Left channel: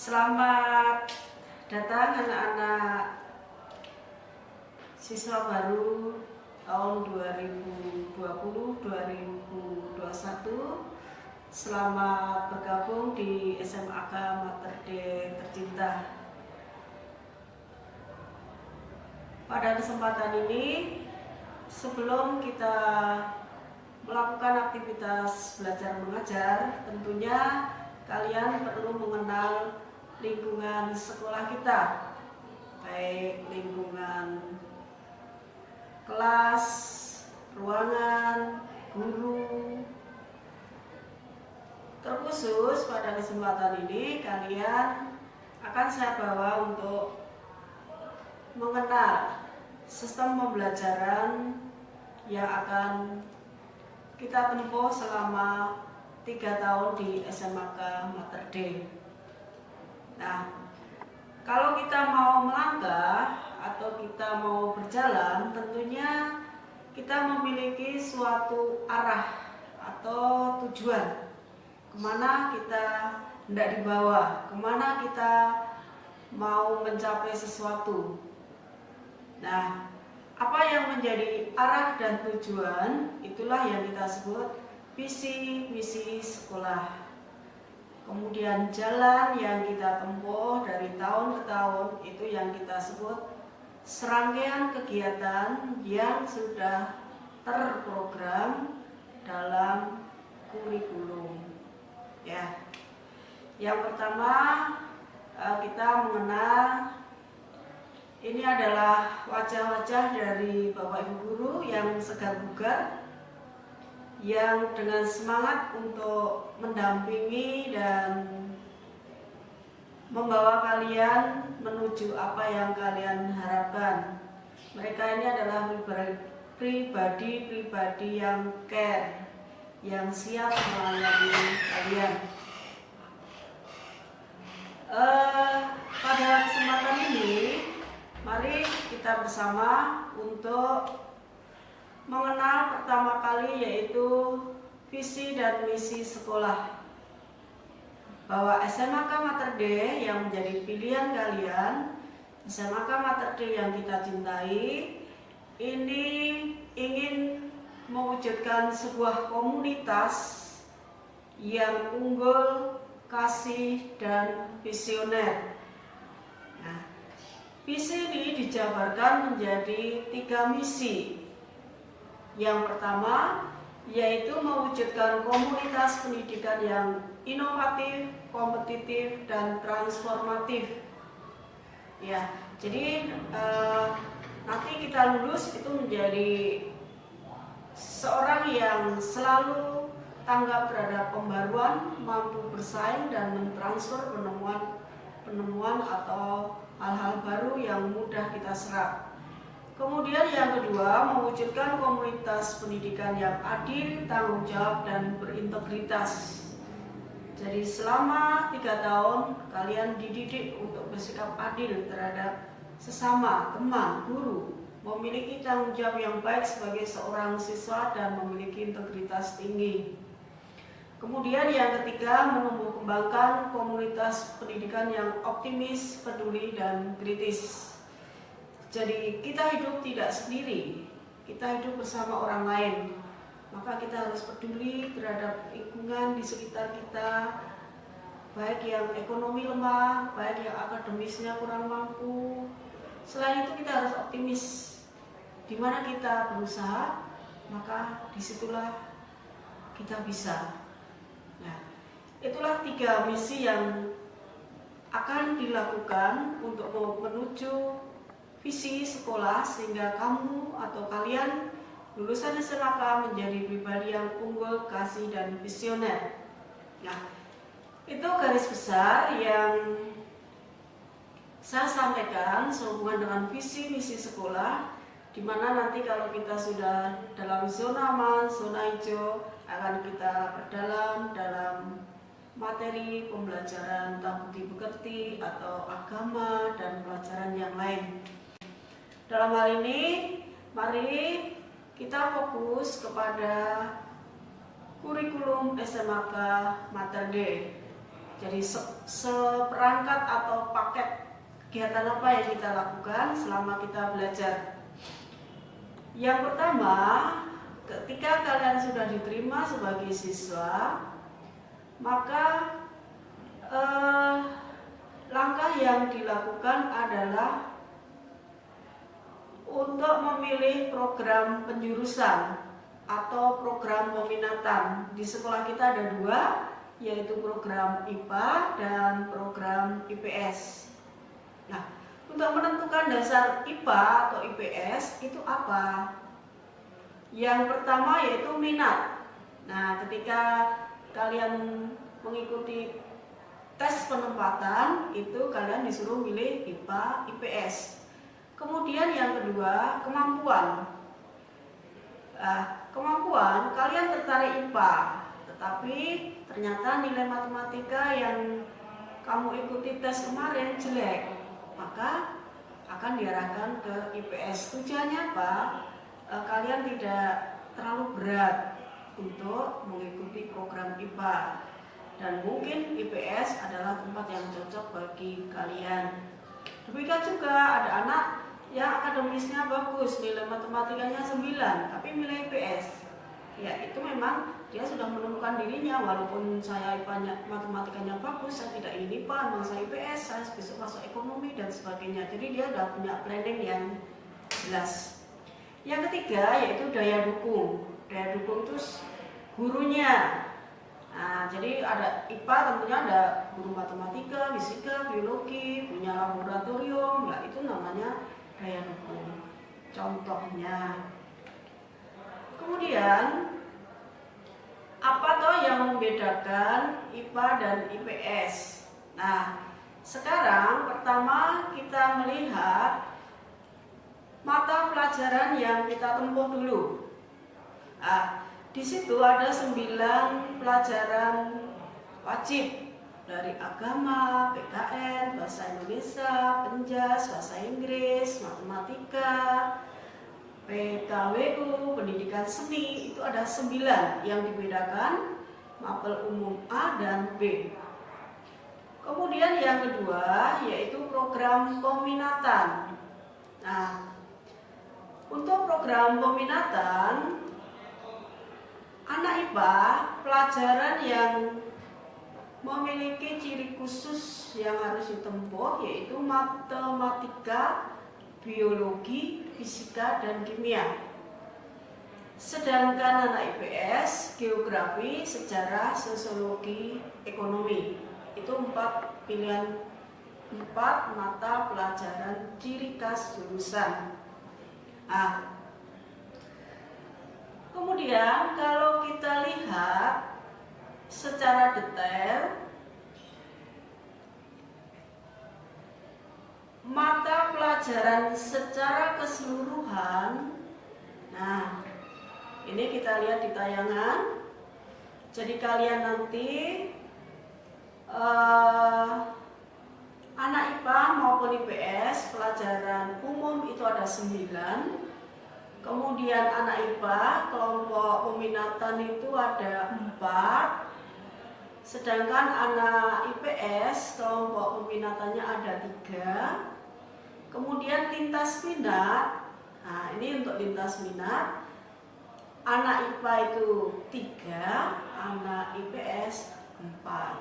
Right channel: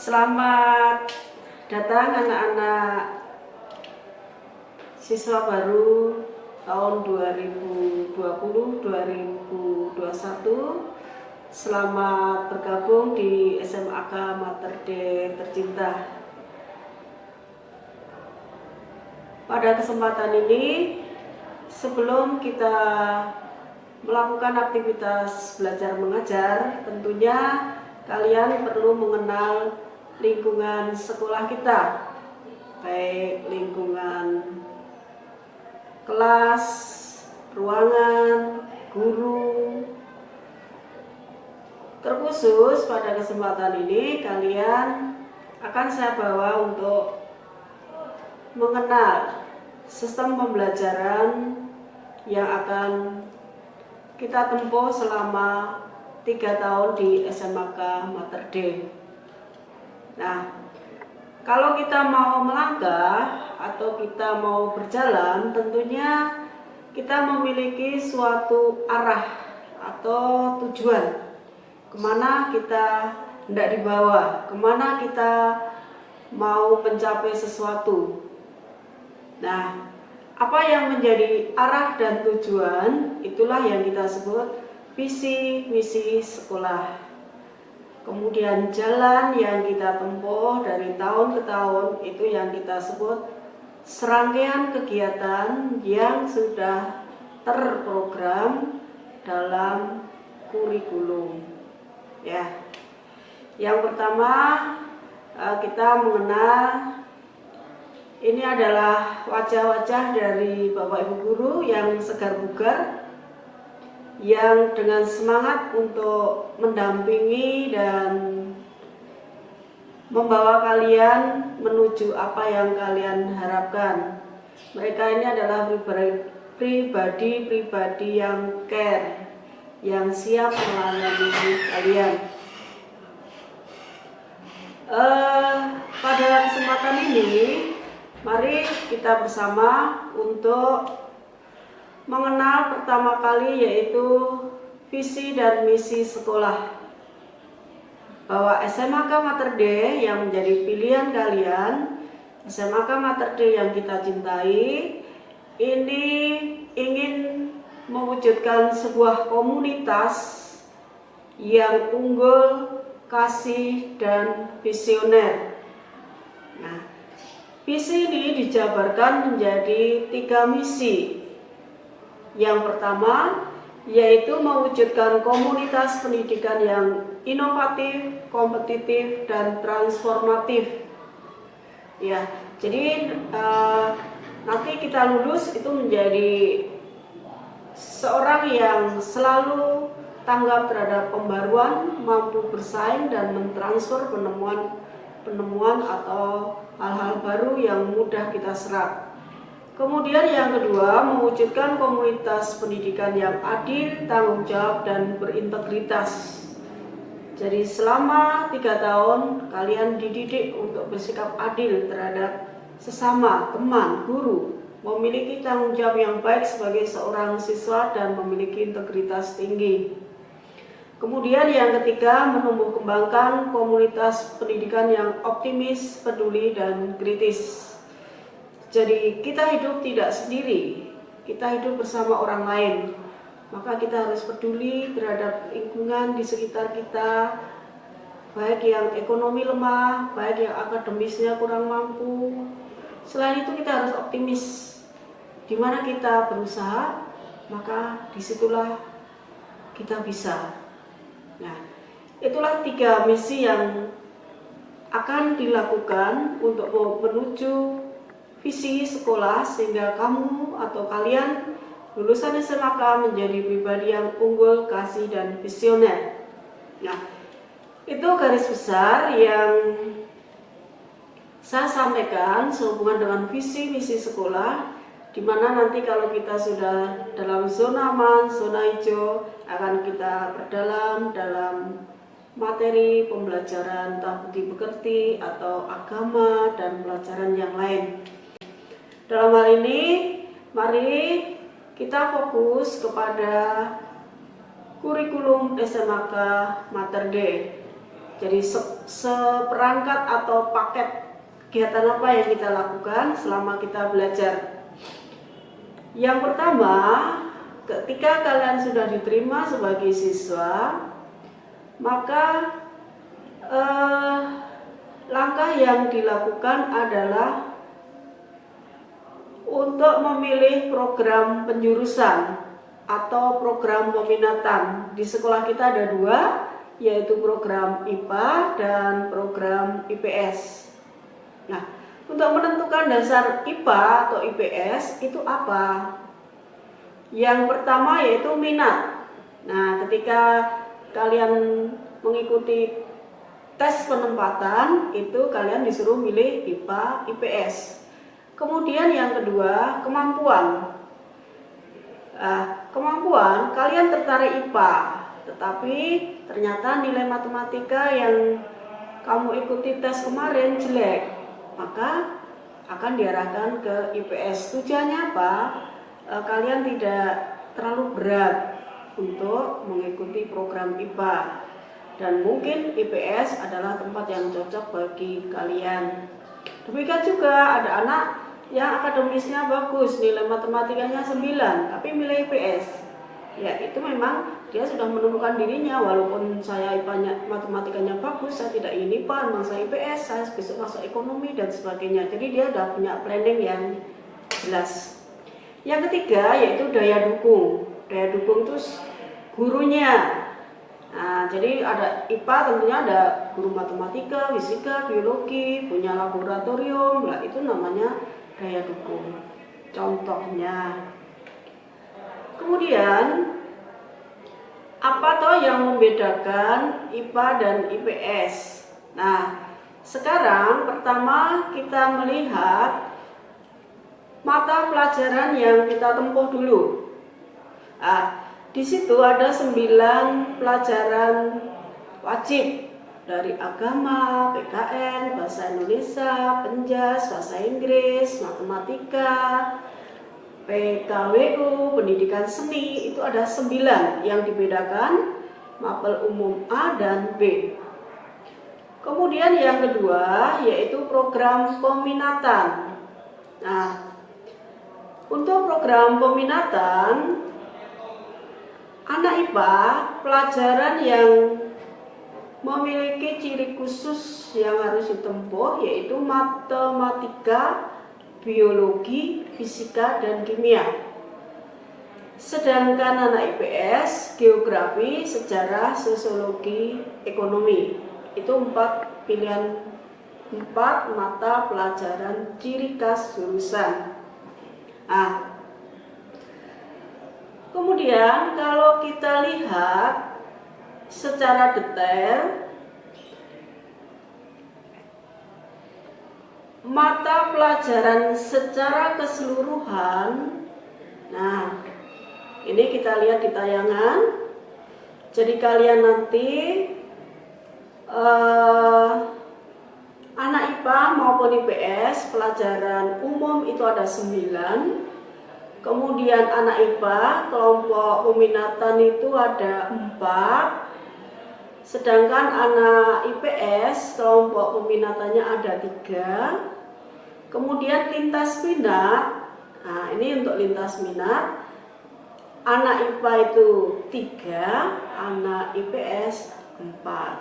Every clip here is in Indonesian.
Selamat datang anak-anak siswa baru tahun 2020-2021. Selamat bergabung di SMAK Mater Dei tercinta. Pada kesempatan ini, sebelum kita melakukan aktivitas belajar mengajar, tentunya kalian perlu mengenal lingkungan sekolah kita, baik lingkungan kelas, ruangan, guru. Terkhusus pada kesempatan ini kalian akan saya bawa untuk mengenal sistem pembelajaran yang akan kita tempuh selama 3 tahun di SMAK Mater Dei. Nah, kalau kita mau melangkah atau kita mau berjalan, tentunya kita memiliki suatu arah atau tujuan kemana kita hendak dibawa, kemana kita mau mencapai sesuatu. Nah, apa yang menjadi arah dan tujuan, itulah yang kita sebut visi misi sekolah. Kemudian jalan yang kita tempuh dari tahun ke tahun, itu yang kita sebut serangkaian kegiatan yang sudah terprogram dalam kurikulum. Ya, yang pertama kita mengenal, ini adalah wajah-wajah dari Bapak Ibu Guru yang segar bugar, yang dengan semangat untuk mendampingi dan membawa kalian menuju apa yang kalian harapkan. Mereka ini adalah pribadi-pribadi yang care, yang siap melayani kalian. Pada kesempatan ini, mari kita bersama untuk mengenal pertama kali, yaitu visi dan misi sekolah. Bahwa SMAK Mater Dei yang menjadi pilihan kalian, SMAK Mater Dei yang kita cintai, ini ingin mewujudkan sebuah komunitas yang unggul, kasih, dan visioner. Nah, visi ini dijabarkan menjadi 3 misi. Yang pertama, yaitu mewujudkan komunitas pendidikan yang inovatif, kompetitif, dan transformatif. Ya, jadi nanti kita lulus itu menjadi seorang yang selalu tanggap terhadap pembaruan, mampu bersaing dan mentransfer penemuan atau hal-hal baru yang mudah kita serap. Kemudian yang kedua, mewujudkan komunitas pendidikan yang adil, tanggung jawab, dan berintegritas. Jadi selama 3 tahun kalian dididik untuk bersikap adil terhadap sesama, teman, guru, memiliki tanggung jawab yang baik sebagai seorang siswa, dan memiliki integritas tinggi. Kemudian yang ketiga, menumbuh kembangkan komunitas pendidikan yang optimis, peduli, dan kritis. Jadi kita hidup tidak sendiri, kita hidup bersama orang lain. Maka kita harus peduli terhadap lingkungan di sekitar kita, baik yang ekonomi lemah, baik yang akademisnya kurang mampu. Selain itu kita harus optimis. Di mana kita berusaha, maka disitulah kita bisa. Nah, itulah 3 misi yang akan dilakukan untuk menuju visi sekolah, sehingga kamu atau kalian lulusan SMAK menjadi pribadi yang unggul, kasih, dan visioner. Nah, itu garis besar yang saya sampaikan sehubungan dengan visi misi sekolah, di mana nanti kalau kita sudah dalam zona aman, zona hijau, akan kita berdalam dalam materi pembelajaran entah budi pekerti atau agama dan pelajaran yang lain. Dalam hal ini, mari kita fokus kepada kurikulum SMAK Mater Dei. Jadi seperangkat atau paket kegiatan apa yang kita lakukan selama kita belajar. Yang pertama, ketika kalian sudah diterima sebagai siswa, maka langkah yang dilakukan adalah untuk memilih program penjurusan atau program peminatan. Di sekolah kita ada dua, yaitu program IPA dan program IPS. Nah, untuk menentukan dasar IPA atau IPS itu apa? Yang pertama yaitu minat. Nah, ketika kalian mengikuti tes penempatan, itu kalian disuruh milih IPA, IPS. Kemudian yang kedua, kemampuan. Kemampuan, kalian tertarik IPA, tetapi ternyata nilai matematika yang kamu ikuti tes kemarin jelek, maka akan diarahkan ke IPS. Tujuannya apa? Kalian tidak terlalu berat untuk mengikuti program IPA, dan mungkin IPS adalah tempat yang cocok bagi kalian. Demikian juga ada anak yang akademisnya bagus, nilai matematikanya 9, tapi milih IPS. Ya, itu memang dia sudah menentukan dirinya, walaupun saya IPA matematikanya bagus, saya tidak ingin IPA, memang saya IPS, saya besok masuk ekonomi dan sebagainya. Jadi dia sudah punya planning yang jelas. Yang ketiga yaitu daya dukung. Daya dukung itu gurunya. Nah, jadi ada IPA, tentunya ada guru matematika, fisika, biologi, punya laboratorium, lah itu namanya daya dukung. Contohnya, kemudian apa toh yang membedakan IPA dan IPS? Nah, sekarang pertama kita melihat mata pelajaran yang kita tempuh dulu. Di situ ada 9 pelajaran wajib, dari agama, PKN, bahasa Indonesia, penjas, bahasa Inggris, matematika, PKWU, pendidikan seni. Itu ada 9 yang dibedakan, mapel umum A dan B. Kemudian yang kedua yaitu program peminatan. Nah, untuk program peminatan, anak IPA pelajaran yang memiliki ciri khusus yang harus ditempuh yaitu matematika, biologi, fisika, dan kimia. Sedangkan anak IPS, geografi, sejarah, sosiologi, ekonomi. Itu 4 pilihan, 4 mata pelajaran ciri khas jurusan. Kemudian kalau kita lihat secara detail, mata pelajaran secara keseluruhan. Nah, ini kita lihat di tayangan. Jadi kalian nanti anak IPA maupun IPS pelajaran umum itu ada 9. Kemudian anak IPA kelompok peminatan itu ada 4. Sedangkan anak IPS kelompok peminatannya ada 3. Kemudian lintas minat. Nah, ini untuk lintas minat. Anak IPA itu 3, anak IPS 4.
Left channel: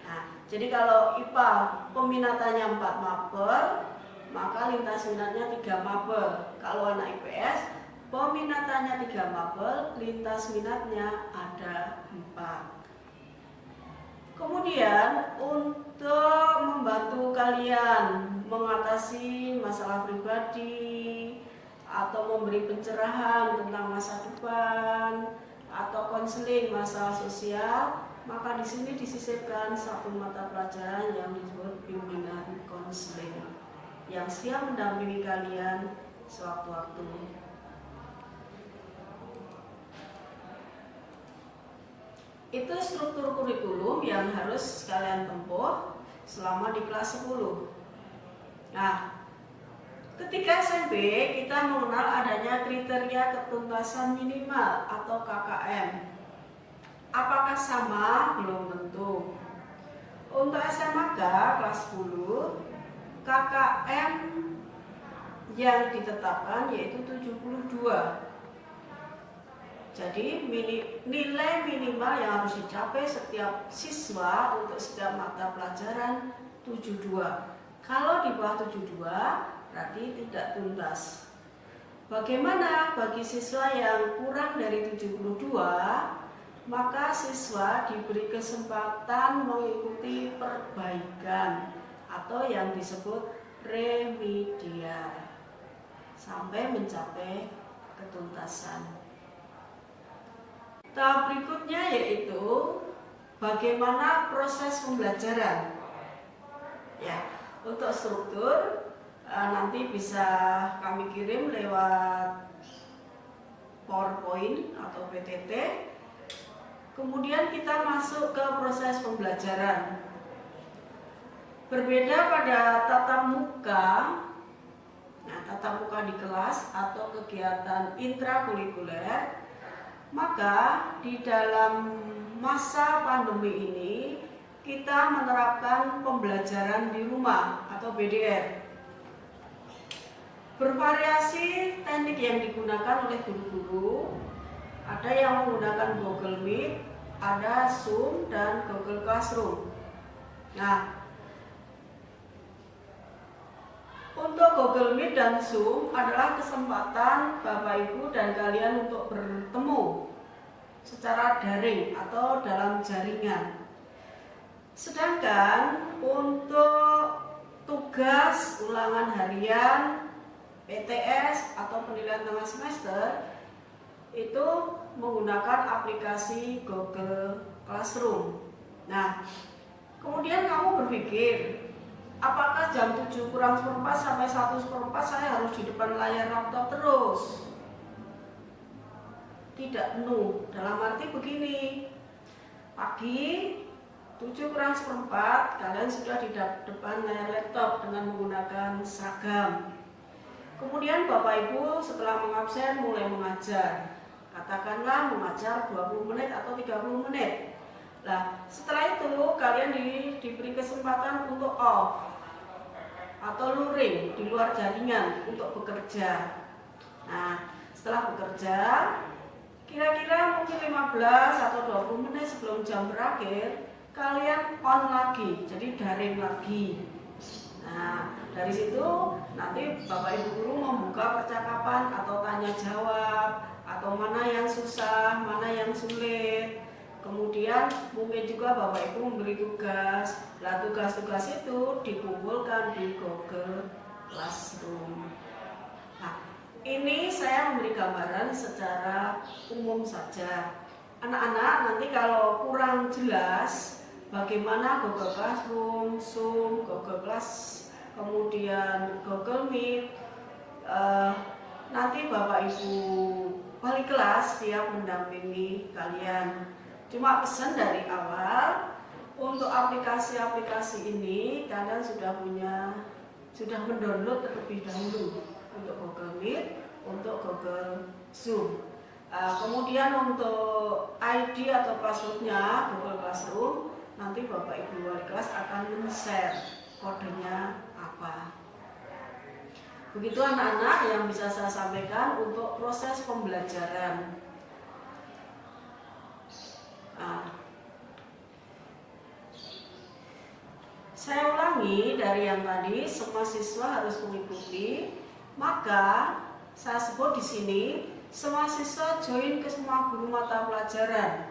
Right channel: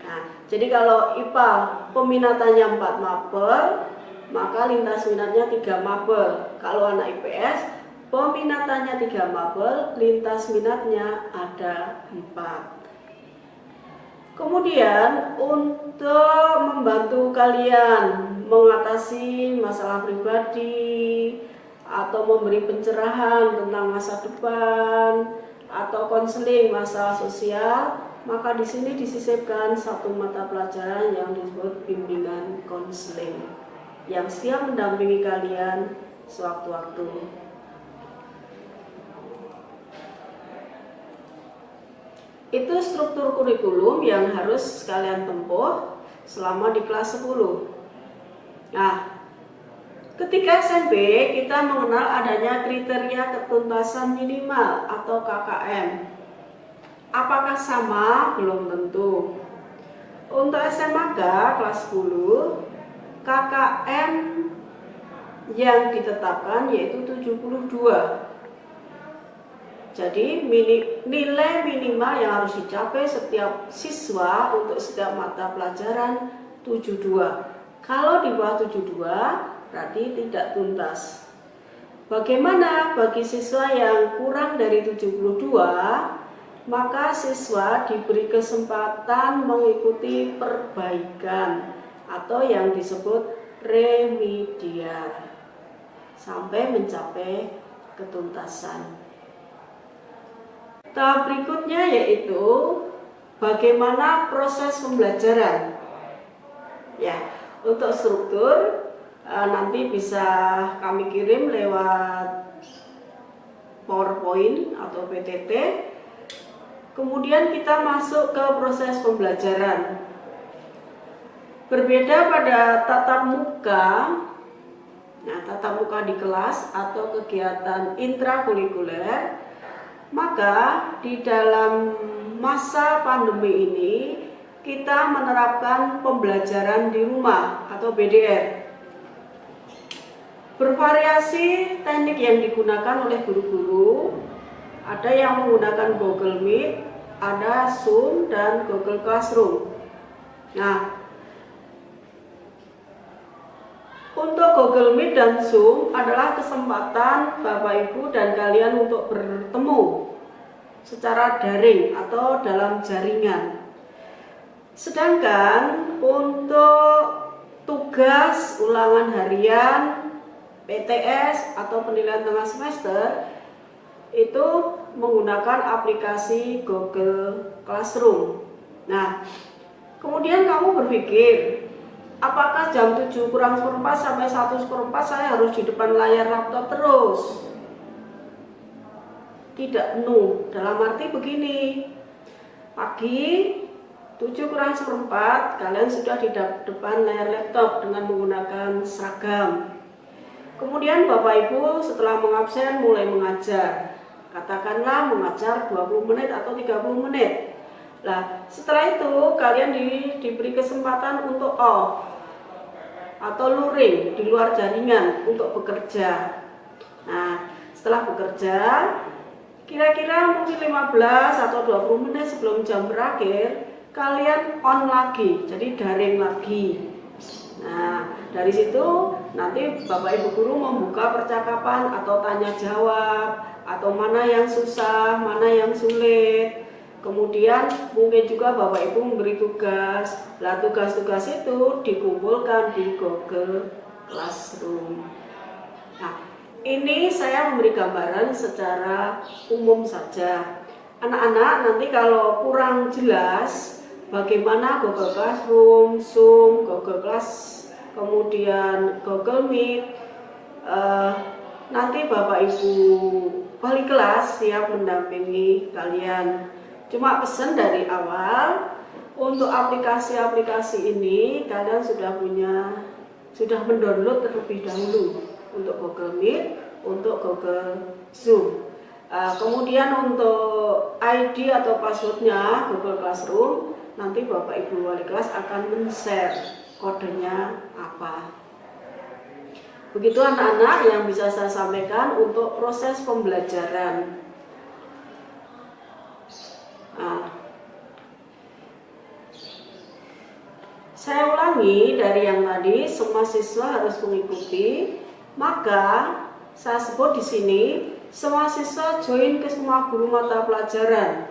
Nah, jadi kalau IPA peminatannya 4 mapel, maka lintas minatnya 3 mapel. Kalau anak IPS peminatannya 3 mapel, lintas minatnya ada 4. Kemudian untuk membantu kalian mengatasi masalah pribadi atau memberi pencerahan tentang masa depan atau konseling masalah sosial, maka di sini disisipkan 1 mata pelajaran yang disebut bimbingan konseling yang siap mendampingi kalian sewaktu-waktu. Itu struktur kurikulum yang harus kalian tempuh selama di kelas 10. Nah, ketika SMP kita mengenal adanya kriteria ketuntasan minimal atau KKM. Apakah sama? Belum tentu. Untuk SMAK kelas 10, KKM yang ditetapkan yaitu 72. Jadi nilai minimal yang harus dicapai setiap siswa untuk setiap mata pelajaran 72. Kalau di bawah 72 berarti tidak tuntas. Bagaimana bagi siswa yang kurang dari 72? Maka siswa diberi kesempatan mengikuti perbaikan atau yang disebut remedial sampai mencapai ketuntasan. Tahap berikutnya yaitu bagaimana proses pembelajaran. Ya, untuk struktur nanti bisa kami kirim lewat PowerPoint atau PTT. Kemudian kita masuk ke proses pembelajaran. Berbeda pada tatap muka. Nah, tatap muka di kelas atau kegiatan intrakurikuler, maka di dalam masa pandemi ini kita menerapkan pembelajaran di rumah atau BDR. Bervariasi teknik yang digunakan oleh guru-guru. Ada yang menggunakan Google Meet, ada Zoom dan Google Classroom. Nah, untuk Google Meet dan Zoom adalah kesempatan Bapak Ibu dan kalian untuk bertemu secara daring atau dalam jaringan. Sedangkan untuk tugas ulangan harian, PTS atau penilaian tengah semester itu menggunakan aplikasi Google Classroom. Nah, kemudian kamu berpikir, apakah jam 7 kurang seperempat sampai 1/4 saya harus di depan layar laptop terus? Tidak penuh, dalam arti begini, pagi 7 kurang seperempat kalian sudah di depan layar laptop dengan menggunakan seragam. Kemudian Bapak Ibu setelah mengabsen mulai mengajar, katakanlah mengajar 20 menit atau 30 menit. Nah, setelah itu kalian diberi kesempatan untuk off atau luring di luar jaringan untuk bekerja. Nah, setelah bekerja kira-kira mungkin 15 atau 20 menit sebelum jam berakhir kalian on lagi, jadi daring lagi. Nah, dari situ nanti Bapak Ibu guru membuka percakapan atau tanya jawab, atau mana yang susah, mana yang sulit. Kemudian mungkin juga Bapak Ibu memberi tugas. Lah tugas-tugas itu dikumpulkan di Google Classroom. Nah, ini saya memberi gambaran secara umum saja. Anak-anak nanti kalau kurang jelas bagaimana Google Classroom, Zoom, Google Class, kemudian Google Meet, nanti Bapak Ibu wali kelas siap mendampingi kalian. Cuma pesan dari awal, untuk aplikasi-aplikasi ini kalian sudah mendownload terlebih dahulu untuk Google Meet, untuk Google Zoom. Kemudian untuk ID atau passwordnya Google Classroom, nanti Bapak Ibu wali kelas akan men-share kodenya apa. Begitu anak-anak yang bisa saya sampaikan untuk proses pembelajaran. Saya ulangi dari yang tadi, semua siswa harus mengikuti. Maka saya sebut di sini, semua siswa join ke semua guru mata pelajaran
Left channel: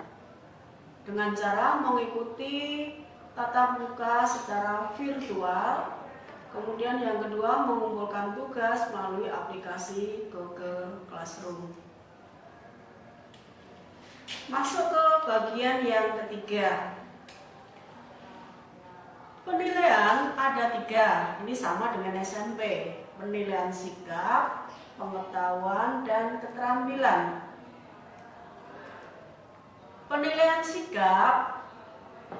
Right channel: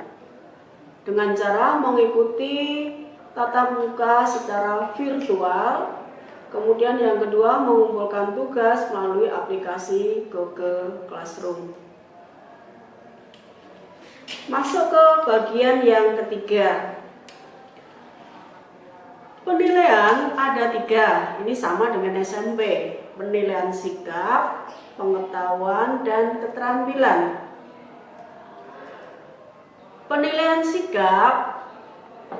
dengan cara mengikuti tatap muka secara virtual. Kemudian yang kedua, mengumpulkan tugas melalui aplikasi Google Classroom. Masuk ke bagian yang ketiga. Penilaian ada 3, ini sama dengan SMP. Penilaian sikap, pengetahuan, dan keterampilan. Penilaian sikap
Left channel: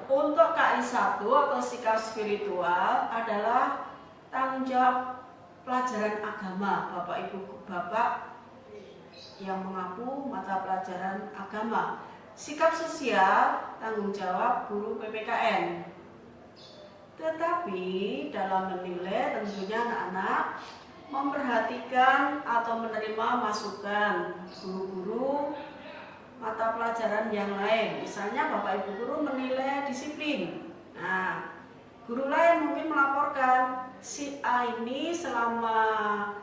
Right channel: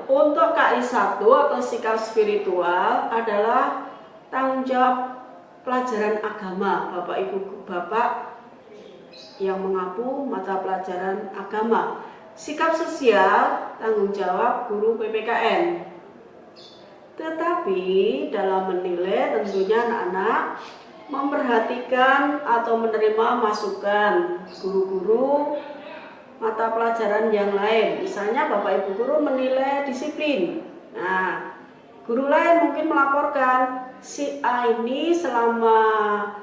untuk KI1 atau sikap spiritual adalah tanggung jawab pelajaran agama Bapak Ibu Bapak yang mengapu mata pelajaran agama. Sikap sosial tanggung jawab guru PPKN. Tetapi dalam menilai tentunya anak-anak memperhatikan atau menerima masukan guru-guru mata pelajaran yang lain. Misalnya Bapak Ibu guru menilai disiplin. Nah, guru lain mungkin melaporkan si A ini selama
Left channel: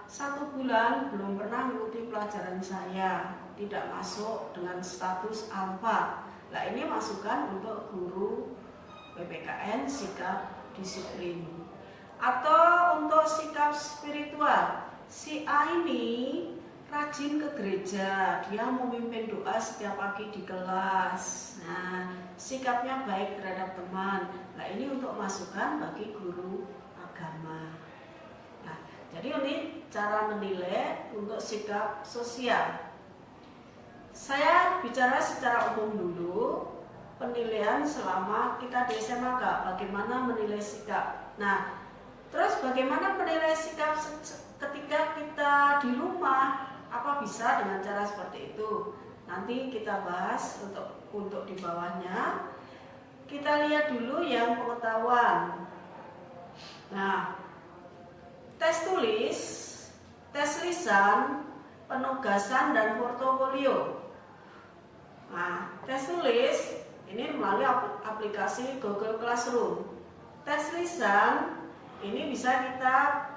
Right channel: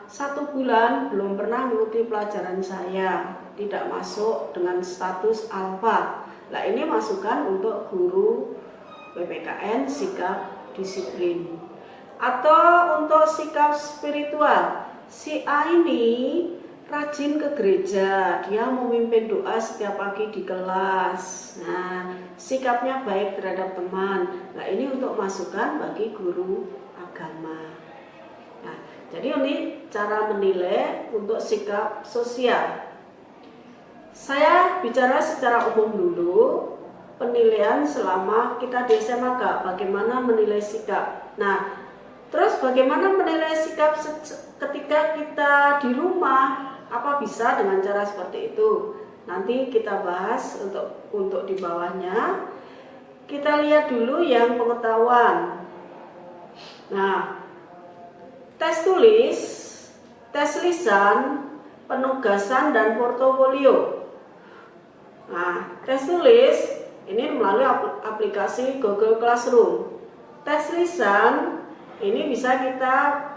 1 bulan belum pernah mengikuti pelajaran saya, tidak masuk dengan status alfa. Nah, ini masukan untuk guru PPKN sikap disiplin. Atau untuk sikap spiritual, si A ini rajin ke gereja, dia memimpin doa setiap pagi di kelas. Nah, sikapnya baik terhadap teman. Nah, ini untuk masukan bagi guru agama. Nah, jadi ini cara menilai untuk sikap sosial. Saya bicara secara umum dulu, penilaian selama kita di SMA, bagaimana menilai sikap. Nah, terus bagaimana menilai sikap ketika kita di rumah? Apa bisa dengan cara seperti itu? Nanti kita bahas untuk di bawahnya. Kita lihat dulu yang pengetahuan. Nah, tes tulis, tes lisan, penugasan dan portofolio. Nah, tes tulis ini melalui aplikasi Google Classroom. Tes lisan ini bisa kita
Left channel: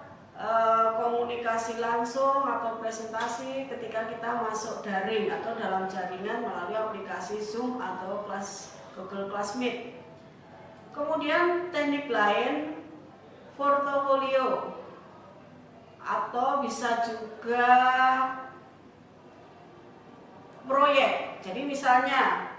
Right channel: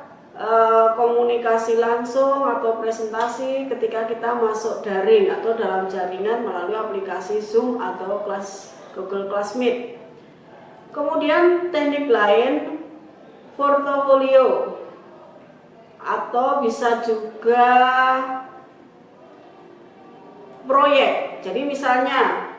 komunikasi langsung atau presentasi ketika kita masuk daring atau dalam jaringan melalui aplikasi Zoom atau Google Classmeet. Kemudian teknik lain, portofolio, atau bisa juga proyek. Jadi misalnya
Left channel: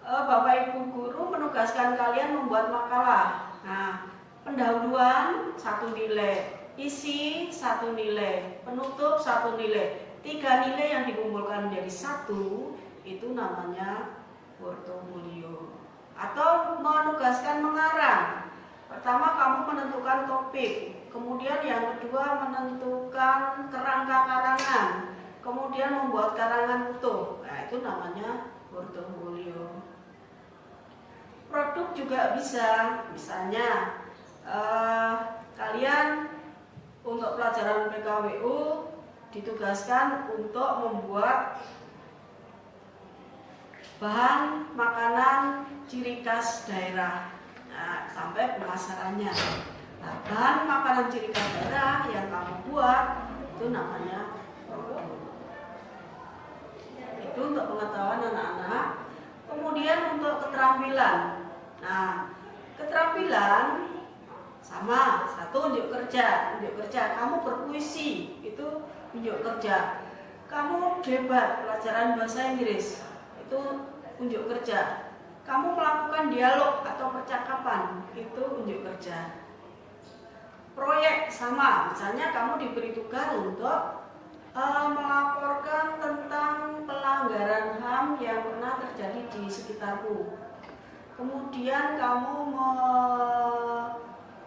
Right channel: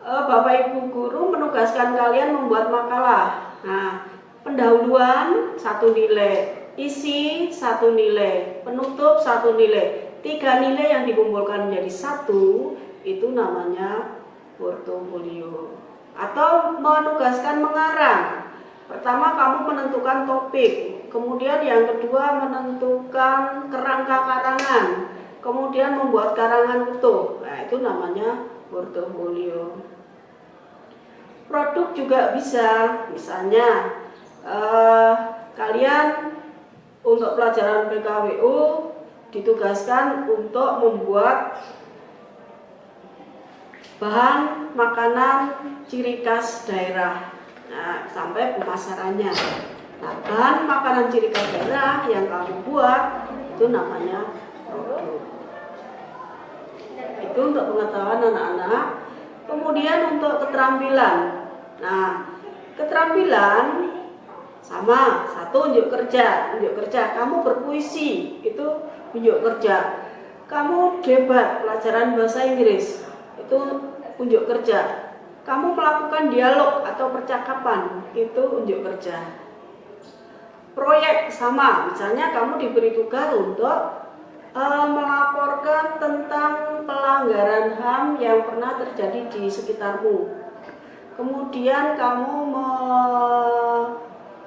Bapak Ibu guru menugaskan kalian membuat makalah. Nah, pendahuluan 1 nilai, isi 1 nilai, penutup 1 nilai. 3 nilai yang dikumpulkan menjadi 1 itu namanya portofolio. Atau menugaskan mengarang. Pertama kamu menentukan topik, kemudian yang kedua menentukan kerangka karangan, kemudian membuat karangan utuh. Nah, itu namanya portofolio. Produk juga bisa, misalnya kalian untuk pelajaran PKWU ditugaskan untuk membuat bahan makanan ciri khas daerah. Nah, sampai pemasarannya. Nah, bahan makanan ciri khas daerah yang kamu buat itu namanya produk. Itu untuk pengetahuan anak-anak. Kemudian untuk keterampilan. Nah, keterampilan sama, 1 unjuk kerja. Unjuk kerja, kamu berpuisi, itu unjuk kerja. Kamu debat pelajaran bahasa Inggris, itu unjuk kerja. Kamu melakukan dialog atau percakapan, itu unjuk kerja. Proyek sama, misalnya kamu diberi tugas untuk melaporkan tentang pelanggaran HAM yang pernah terjadi di sekitarmu. Kemudian kamu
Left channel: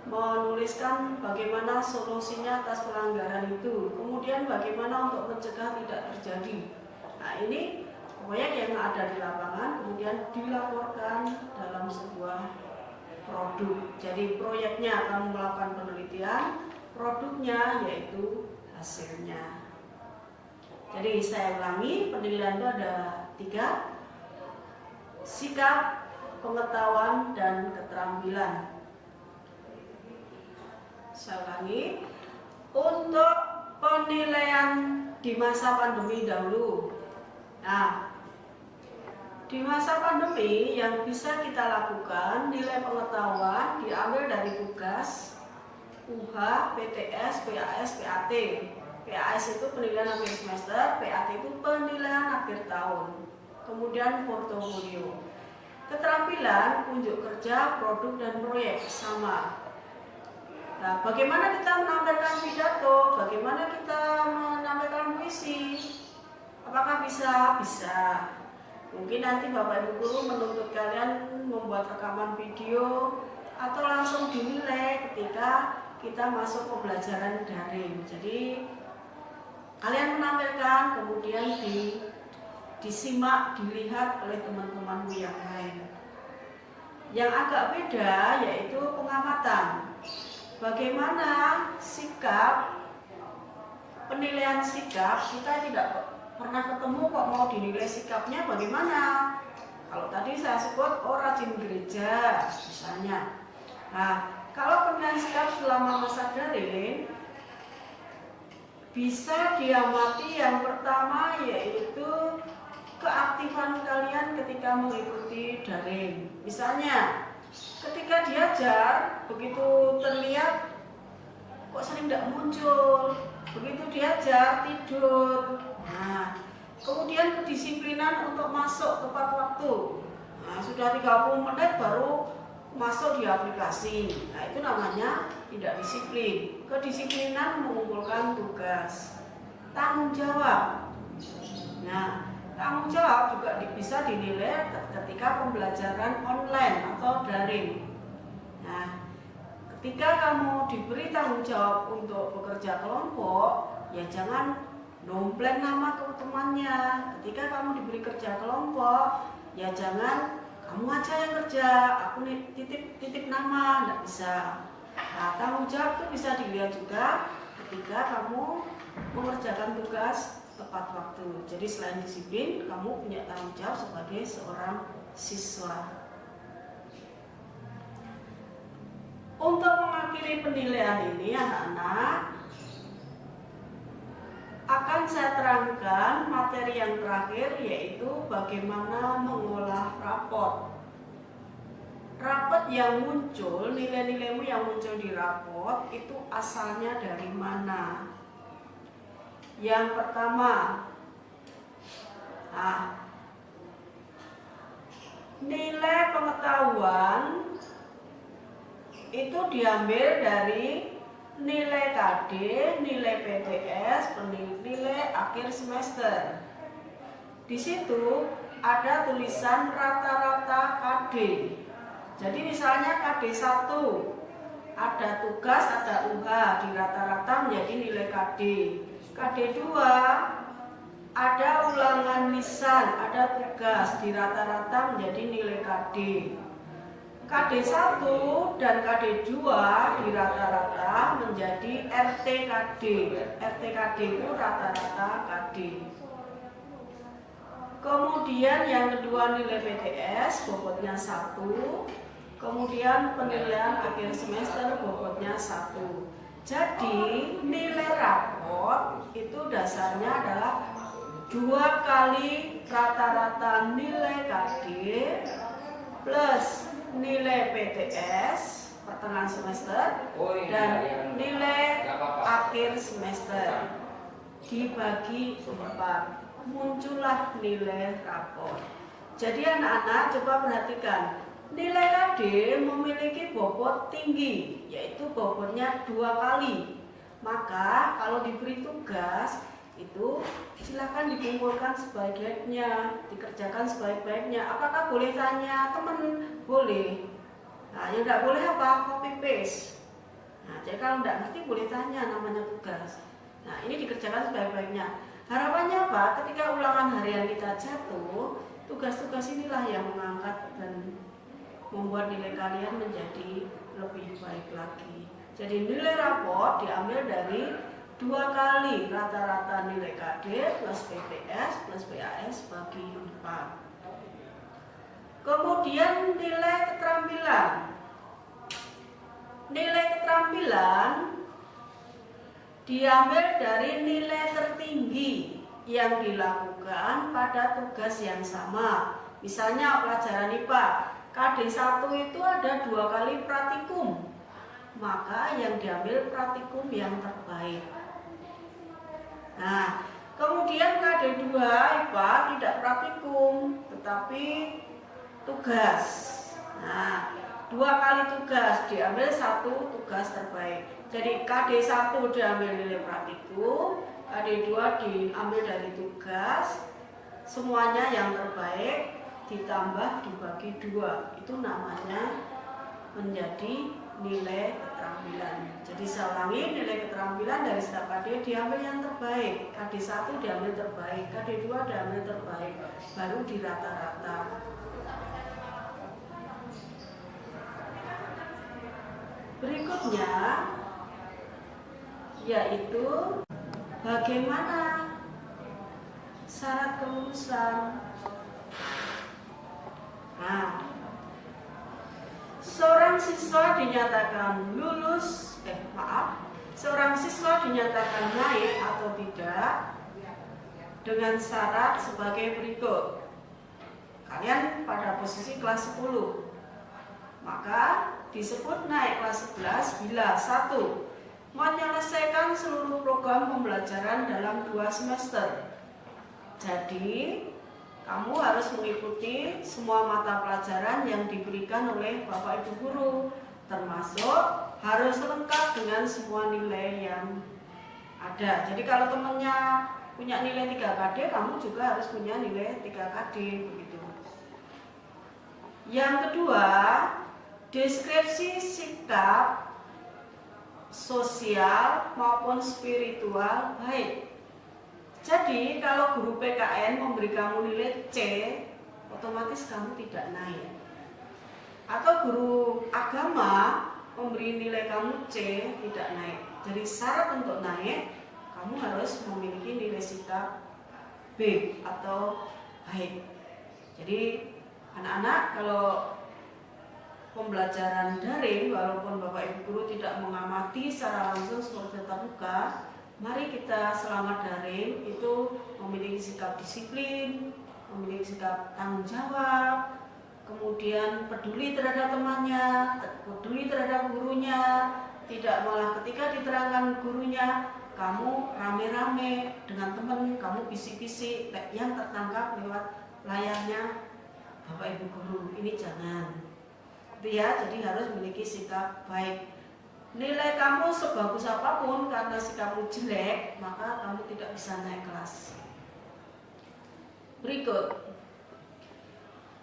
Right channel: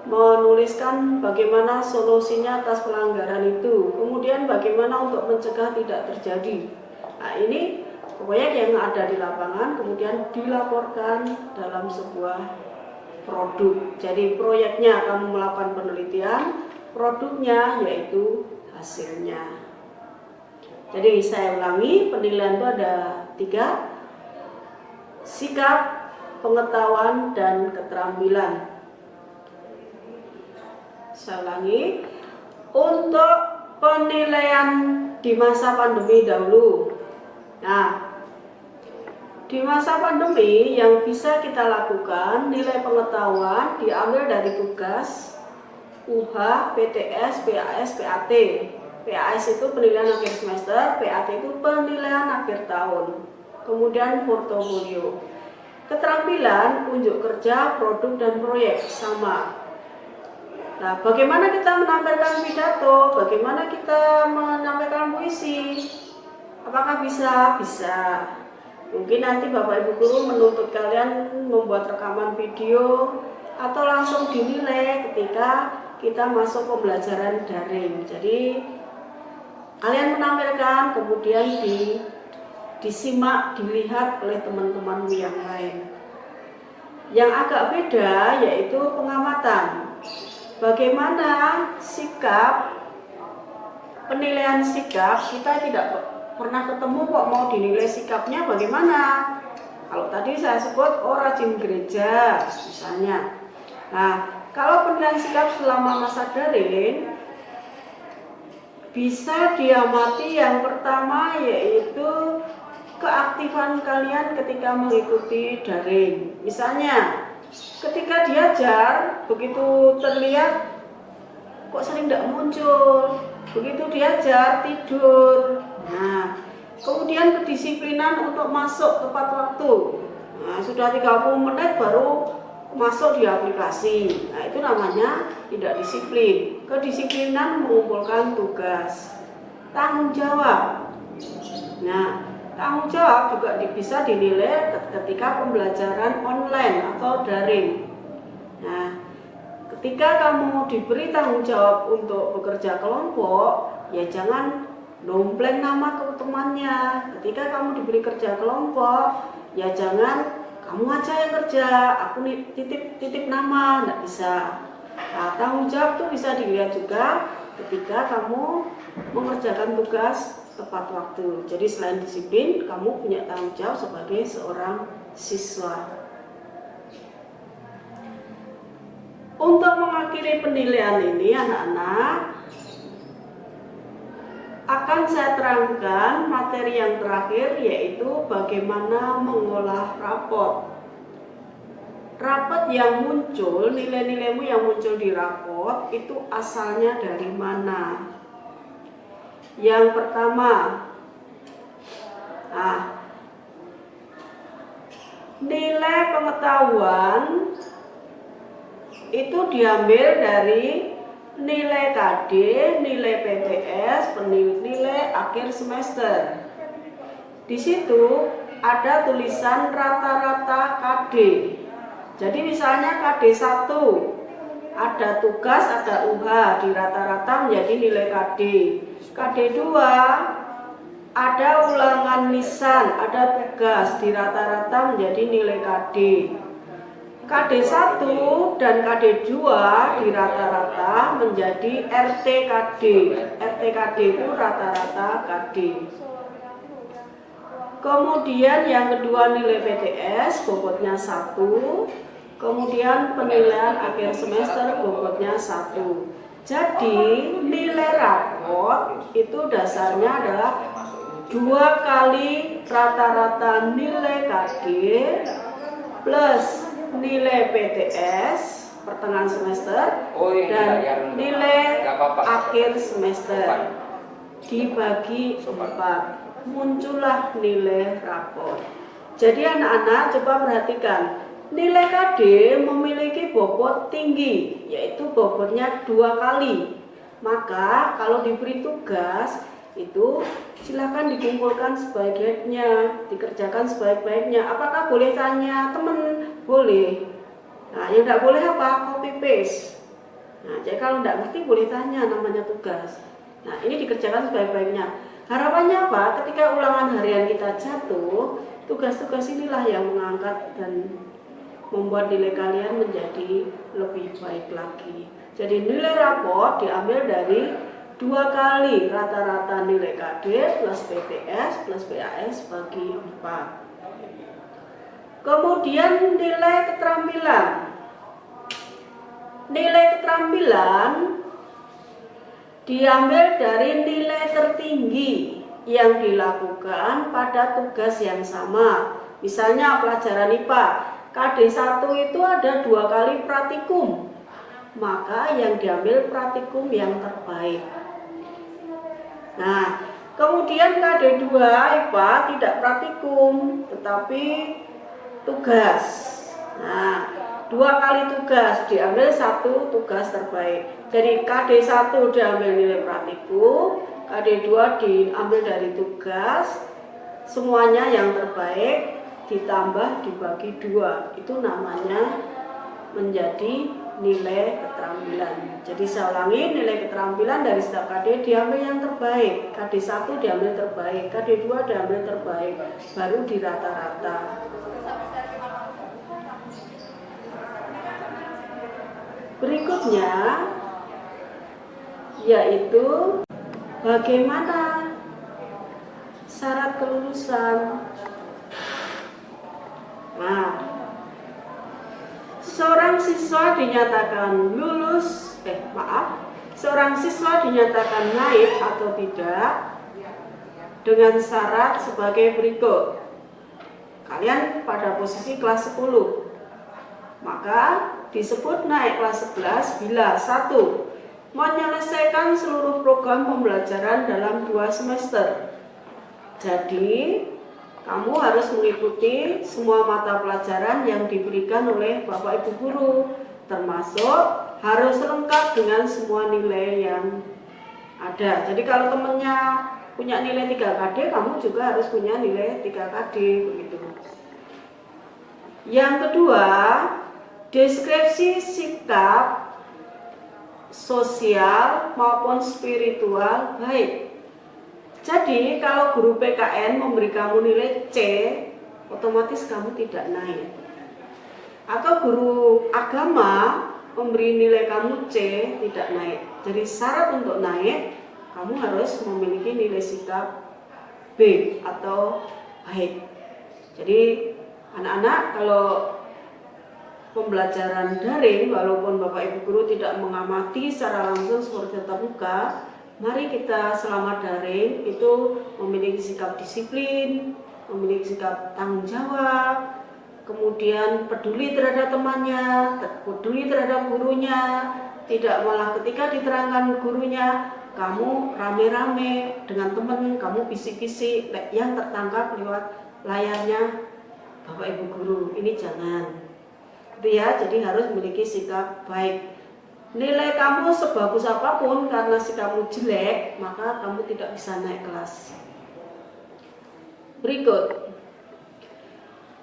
menuliskan bagaimana solusinya atas pelanggaran itu. Kemudian bagaimana untuk mencegah tidak terjadi. Nah, ini proyek yang ada di lapangan kemudian dilaporkan dalam sebuah produk. Jadi proyeknya kamu melakukan penelitian, produknya yaitu hasilnya. Jadi saya ulangi, penilaian itu ada 3: sikap, pengetahuan, dan keterampilan. Saya ulangi, untuk penilaian di masa pandemi dahulu. Nah, di masa pandemi yang bisa kita lakukan, nilai pengetahuan diambil dari tugas UH, PTS, PAS, PAT. PAS itu penilaian akhir semester, PAT itu penilaian akhir tahun. Kemudian portofolio. Keterampilan, unjuk kerja, produk, dan proyek sama. Nah, bagaimana kita menampilkan pidato? Bagaimana kita menampilkan puisi? Apakah bisa? Bisa. Mungkin nanti Bapak Ibu guru menuntut kalian membuat rekaman video atau langsung dinilai ketika kita masuk pembelajaran daring. Jadi kalian menampilkan kemudian disimak, dilihat oleh teman-temanmu yang lain. Yang agak beda yaitu pengamatan. Bagaimana sikap, penilaian sikap, kita tidak pernah ketemu kok mau dinilai sikapnya bagaimana. Kalau tadi saya sebut rajin gereja misalnya. Nah, kalau penilaian sikap selama masa daring bisa diamati yang pertama yaitu keaktifan kalian ketika mengikuti daring. Misalnya, ketika diajar, begitu terlihat kok sering tidak muncul, begitu diajar tidur. Nah, kemudian kedisiplinan untuk masuk tepat waktu. Nah, sudah 30 menit baru masuk di aplikasi. Nah, itu namanya tidak disiplin. Kedisiplinan mengumpulkan tugas. Tanggung jawab. Nah, tanggung jawab juga bisa dinilai ketika pembelajaran online atau daring. Nah, ketika kamu diberi tanggung jawab untuk bekerja kelompok, ya jangan dompleng nama ke temannya. Ketika kamu diberi kerja kelompok, ya jangan kamu aja yang kerja, aku titip nama, enggak bisa. Nah, tanggung jawab tuh bisa dilihat juga ketika kamu mengerjakan tugas tepat waktu. Jadi selain disiplin, kamu punya tanggung jawab sebagai seorang siswa. Untuk mengakhiri penilaian ini, anak-anak, akan saya terangkan materi yang terakhir, yaitu bagaimana mengolah raport. Raport yang muncul, nilai-nilaimu yang muncul di raport itu asalnya dari mana? Yang pertama, nilai pengetahuan itu diambil dari nilai KD, nilai PTS, nilai akhir semester. Di situ ada tulisan rata-rata KD. Jadi misalnya KD 1 ada tugas, ada UH, di rata-rata menjadi nilai KD. KD 2 ada ulangan lisan, ada tugas, di rata-rata menjadi nilai KD. KD 1 dan KD 2 di rata-rata menjadi RTKD. RTKD itu rata-rata KD. Kemudian yang kedua nilai PTS bobotnya 1. Kemudian penilaian akhir semester bobotnya 1. Jadi nilai raport itu dasarnya adalah 2 kali rata-rata nilai KD plus nilai PTS pertengahan semester dan nilai akhir semester dibagi 4, muncullah nilai raport. Jadi anak-anak coba perhatikan, nilai KD memiliki bobot tinggi, yaitu bobotnya 2 kali. Maka kalau diberi tugas itu silakan dikumpulkan sebaik-baiknya, dikerjakan sebaik-baiknya. Apakah boleh tanya teman? Boleh. Nah, yang tidak boleh apa? Copy paste. Nah, jadi kalau tidak ngerti boleh tanya, namanya tugas. Nah, ini dikerjakan sebaik-baiknya. Harapannya apa? Ketika ulangan harian kita jatuh, tugas-tugas inilah yang mengangkat dan membuat nilai kalian menjadi lebih baik lagi. Jadi nilai raport diambil dari 2 kali rata-rata nilai KD plus PTS plus PAS bagi 4. Kemudian nilai keterampilan. Nilai keterampilan diambil dari nilai tertinggi yang dilakukan pada tugas yang sama. Misalnya pelajaran IPA, KD 1 itu ada 2 kali praktikum. Maka yang diambil praktikum yang terbaik. Nah, kemudian KD 2 IPA tidak praktikum, tetapi tugas. Nah, 2 kali tugas, diambil 1 tugas terbaik. Jadi KD 1 diambil nilai praktikum, KD 2 diambil dari tugas, semuanya yang terbaik ditambah dibagi 2. Itu namanya menjadi nilai keterampilan. Jadi saya ulangi, nilai keterampilan dari setiap KD diambil yang terbaik. KD 1 diambil terbaik, KD 2 diambil terbaik, baru di rata-rata. Berikutnya yaitu bagaimana syarat kelulusan. Nah, seorang siswa dinyatakan naik atau tidak dengan syarat sebagai berikut. Kalian pada posisi kelas 10, maka disebut naik kelas 11 bila 1. Menyelesaikan seluruh program pembelajaran dalam 2 semester. Jadi kamu harus mengikuti semua mata pelajaran yang diberikan oleh Bapak Ibu guru, termasuk harus lengkap dengan semua nilai yang ada. Jadi kalau temennya punya nilai 3 KD, kamu juga harus punya nilai 3 KD, begitu. Yang kedua, deskripsi sikap sosial maupun spiritual baik. Jadi kalau guru PKN memberi kamu nilai C, otomatis kamu tidak naik. Atau guru agama memberi nilai kamu C, tidak naik. Jadi syarat untuk naik, kamu harus memiliki nilai sikap B atau baik. Jadi anak-anak kalau pembelajaran daring, walaupun Bapak Ibu guru tidak mengamati secara langsung seperti tatap muka, mari kita selama daring itu memiliki sikap disiplin, memiliki sikap tanggung jawab, kemudian peduli terhadap temannya, peduli terhadap gurunya, tidak malah ketika diterangkan gurunya, kamu rame-rame dengan teman, kamu bisik-bisik yang tertangkap lewat layarnya Bapak Ibu guru. Ini jangan. Itu ya, jadi harus memiliki sikap baik. Nilai kamu sebagus apapun, karena sikapmu jelek, maka kamu tidak bisa naik kelas. Berikut,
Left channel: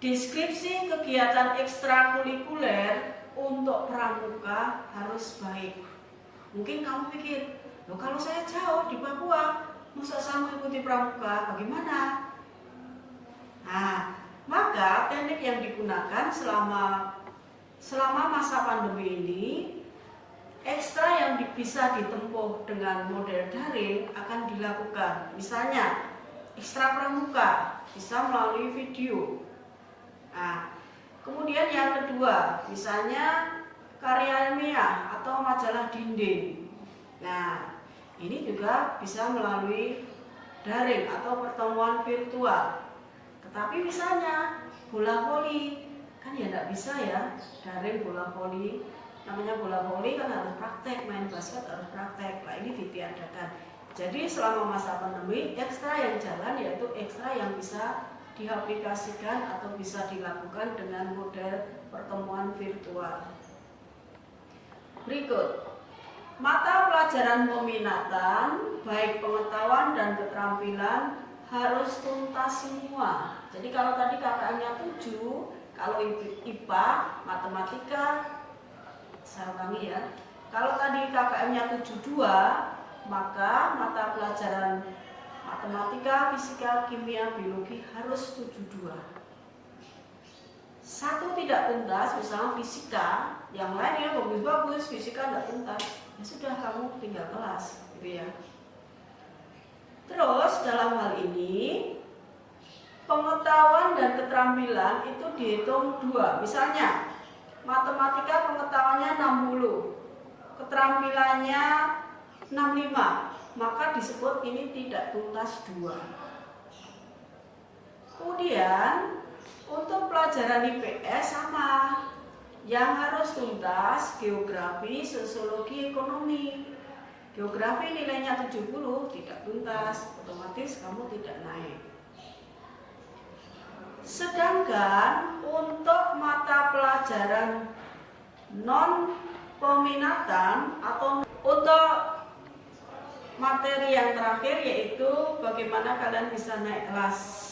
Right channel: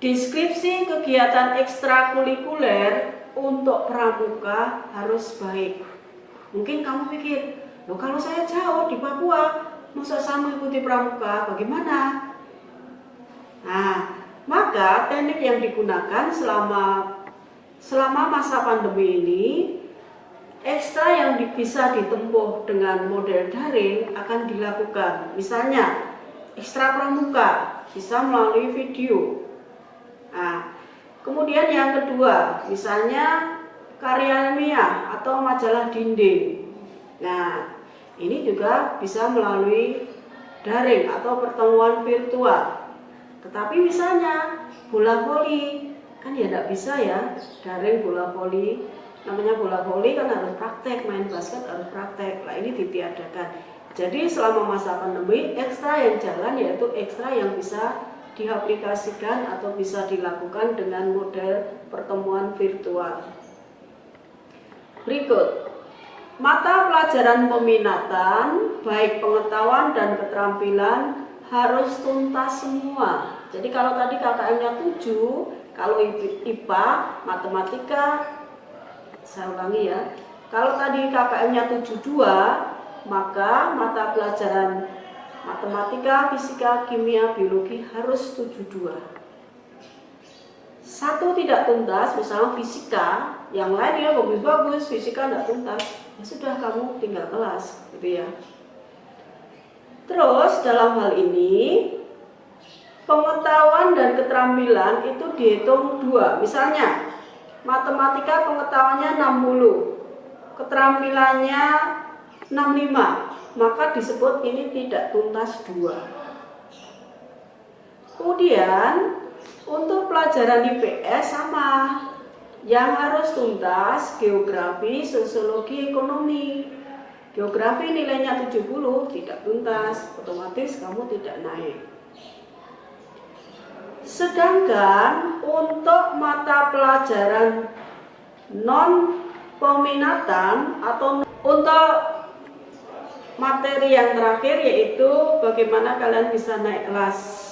deskripsi kegiatan ekstrakurikuler untuk pramuka harus baik. Mungkin kamu pikir, loh kalau saya jauh di Papua, masa saya mengikuti pramuka, bagaimana? Nah, maka teknik yang digunakan selama masa pandemi ini, ekstra yang bisa ditempuh dengan model daring akan dilakukan. Misalnya, ekstra pramuka bisa melalui video. Nah, kemudian yang kedua, misalnya karya ilmiah atau majalah dinding. Nah, ini juga bisa melalui daring atau pertemuan virtual. Tetapi misalnya bola voli, kan ya tidak bisa ya, daring bola voli. Namanya bola voli kan harus praktek, main basket harus praktek. Nah, ini ditiadakan. Jadi selama masa pandemi, ekstra yang jalan yaitu ekstra yang bisa diaplikasikan atau bisa dilakukan dengan model pertemuan virtual. Berikut, mata pelajaran peminatan, baik pengetahuan dan keterampilan harus tuntas semua. Jadi kalau tadi KKM-nya 7, kalau IPA, matematika, saya ulangi ya. Kalau tadi KKM-nya 72, maka mata pelajaran matematika, fisika, kimia, biologi harus 72. Satu tidak tuntas, misalnya fisika, yang lainnya bagus-bagus, fisika tidak tuntas, ya sudah kamu tinggal kelas, gitu ya. Terus dalam hal ini pengetahuan dan keterampilan itu dihitung 2. Misalnya matematika pengetahuannya 60, keterampilannya 65, maka disebut ini tidak tuntas 2. Kemudian untuk pelajaran IPS sama, yang harus tuntas geografi, sosiologi, ekonomi. Geografi nilainya 70, tidak tuntas, otomatis kamu tidak naik. Sedangkan untuk mata pelajaran non peminatan atau untuk materi yang terakhir yaitu bagaimana kalian bisa naik kelas.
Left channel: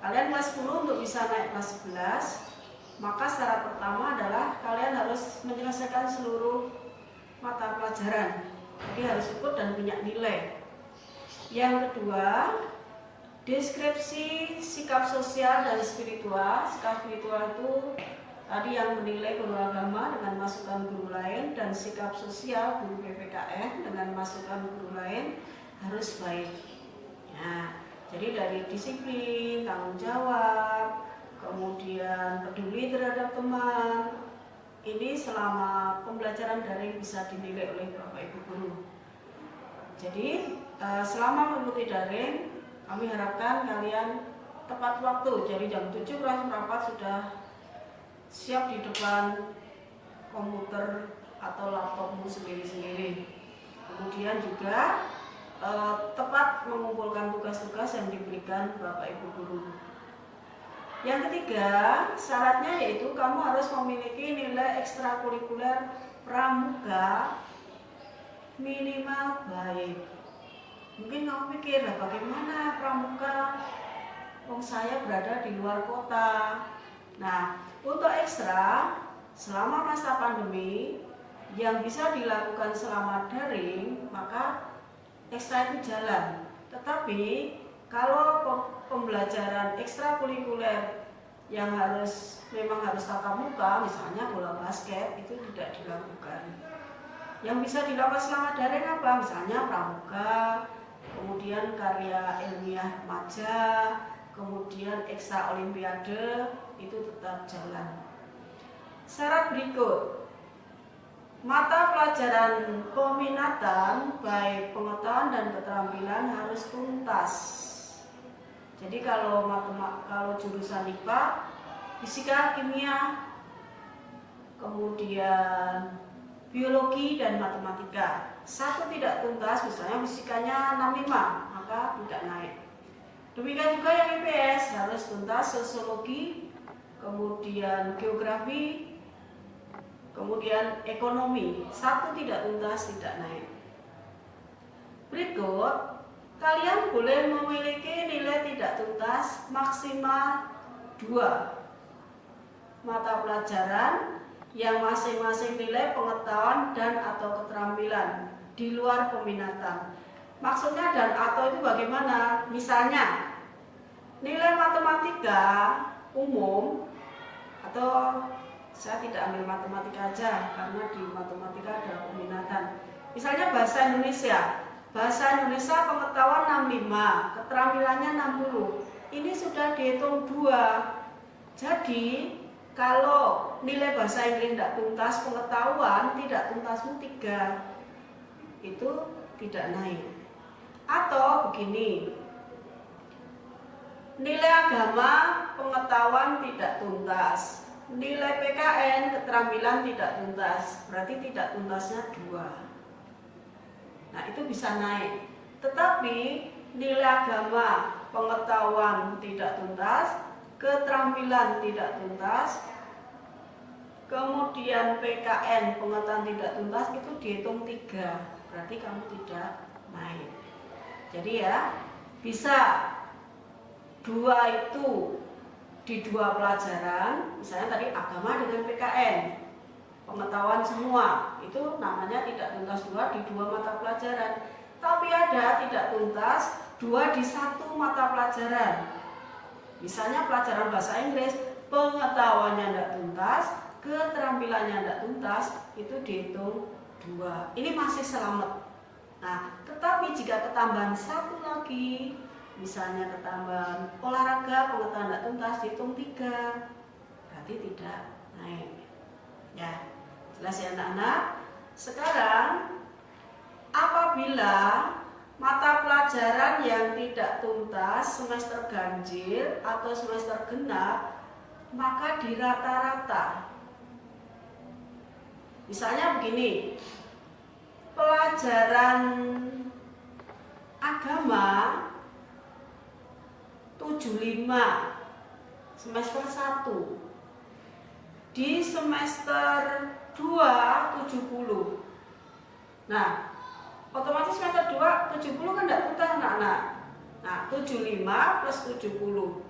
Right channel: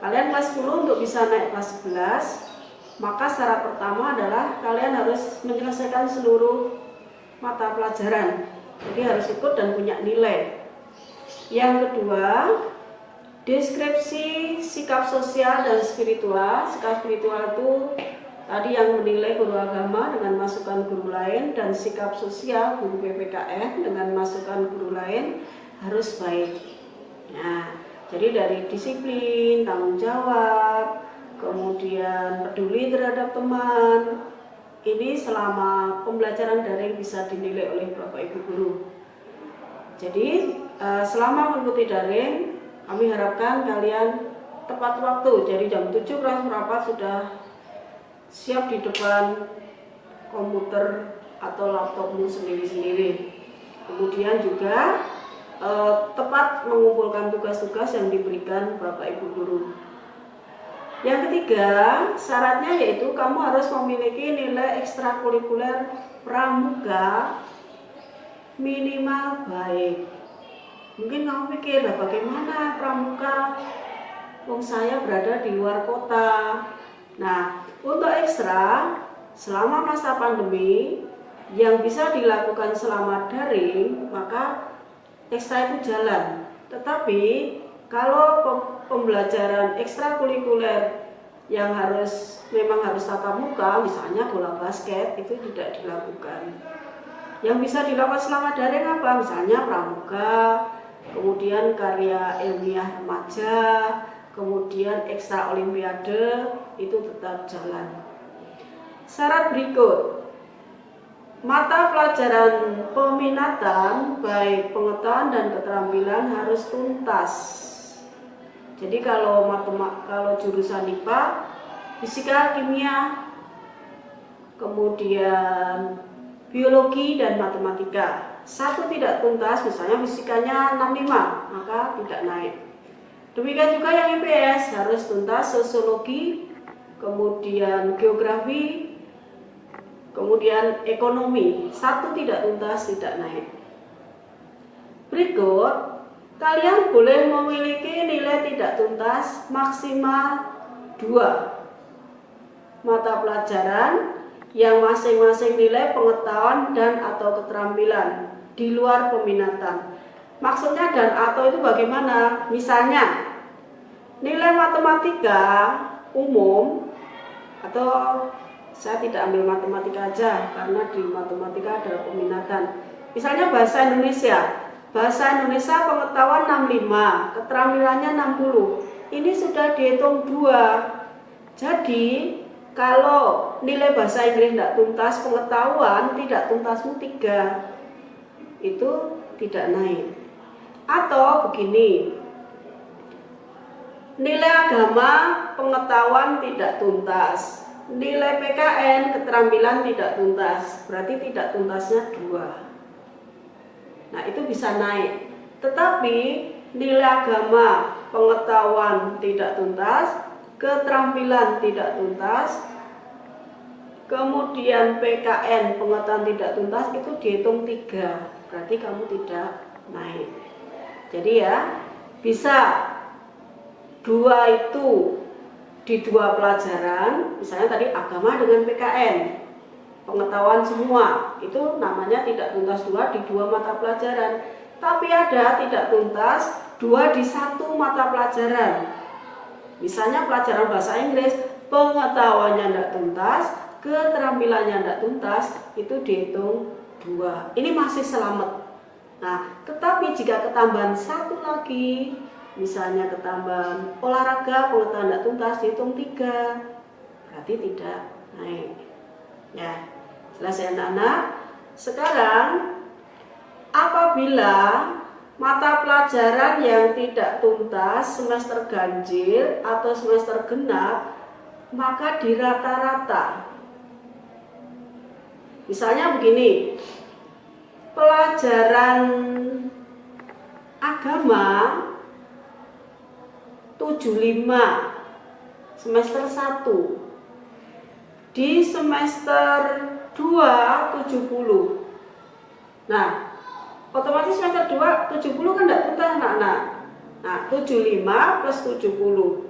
Kalian kelas 10 untuk bisa naik kelas 11, maka syarat pertama adalah kalian harus menyelesaikan seluruh mata pelajaran. Jadi harus ikut dan punya nilai. Yang kedua, deskripsi sikap sosial dan spiritual. Sikap spiritual itu Tadi yang menilai guru agama dengan masukan guru lain, dan sikap sosial guru PPKN dengan masukan guru lain harus baik. Nah, jadi dari disiplin, tanggung jawab, kemudian peduli terhadap teman, ini selama pembelajaran daring bisa dinilai oleh Bapak Ibu guru. Jadi selama mengikuti daring, kami harapkan kalian tepat waktu. Jadi jam 7 kelas merapat sudah siap di depan komputer atau laptopmu sendiri-sendiri. Kemudian juga tepat mengumpulkan tugas-tugas yang diberikan Bapak Ibu guru. Yang ketiga, syaratnya yaitu kamu harus memiliki nilai ekstrakurikuler pramuka minimal baik. Mungkin kamu pikir, lah bagaimana pramuka? Wong saya berada di luar kota. Nah, untuk ekstra selama masa pandemi yang bisa dilakukan selama daring, maka ekstra itu jalan. Tetapi kalau pembelajaran ekstrakurikuler yang memang harus tatap muka, misalnya bola basket, itu tidak dilakukan. Yang bisa dilakukan selama daring apa? Misalnya pramuka, kemudian karya ilmiah remaja, kemudian ekstra olimpiade, itu tetap jalan. Syarat berikut, mata pelajaran peminatan baik pengetahuan dan keterampilan harus tuntas. Jadi kalau jurusan IPA, fisika, kimia, kemudian biologi dan matematika, satu tidak tuntas, misalnya fisikanya 65, maka tidak naik. Demikian juga yang IPS harus tuntas sosiologi, kemudian geografi, kemudian ekonomi, satu tidak tuntas, tidak naik. Berikut, kalian boleh memiliki nilai tidak tuntas maksimal 2 mata pelajaran yang masing-masing nilai pengetahuan dan atau keterampilan di luar peminatan. Maksudnya dan atau itu bagaimana? Misalnya, nilai matematika umum, atau saya tidak ambil matematika aja karena di matematika ada peminatan. Misalnya bahasa Indonesia pengetahuan 65, keterampilannya 60. Ini sudah dihitung 2. Jadi kalau nilai bahasa Inggris tidak tuntas, pengetahuan tidak tuntasmu 3, itu tidak naik. Atau begini, nilai agama pengetahuan tidak tuntas, nilai PKN keterampilan tidak tuntas, berarti tidak tuntasnya 2. Nah, itu bisa naik. Tetapi nilai agama pengetahuan tidak tuntas, keterampilan tidak tuntas, kemudian PKN pengetahuan tidak tuntas, itu dihitung 3, berarti kamu tidak naik. Jadi ya, bisa 2 itu di 2 pelajaran, misalnya tadi agama dengan PKN, pengetahuan semua, itu namanya tidak tuntas 2 di 2 mata pelajaran. Tapi ada tidak tuntas 2 di 1 mata pelajaran. Misalnya pelajaran bahasa Inggris, pengetahuannya tidak tuntas, keterampilannya tidak tuntas, itu dihitung 2. Ini masih selamat. Nah, tetapi jika ketambahan 1 lagi, misalnya ketambahan olahraga pengetahuan tidak tuntas, dihitung 3, berarti tidak naik. Ya, selesai anak-anak. Sekarang apabila mata pelajaran yang tidak tuntas semester ganjil atau semester genap, maka dirata-rata. Misalnya begini, pelajaran agama 75 semester 1, di semester 2 70. Nah, otomatis semester 2 70 kan tidak tuntas anak-anak. Nah, 75 plus 70.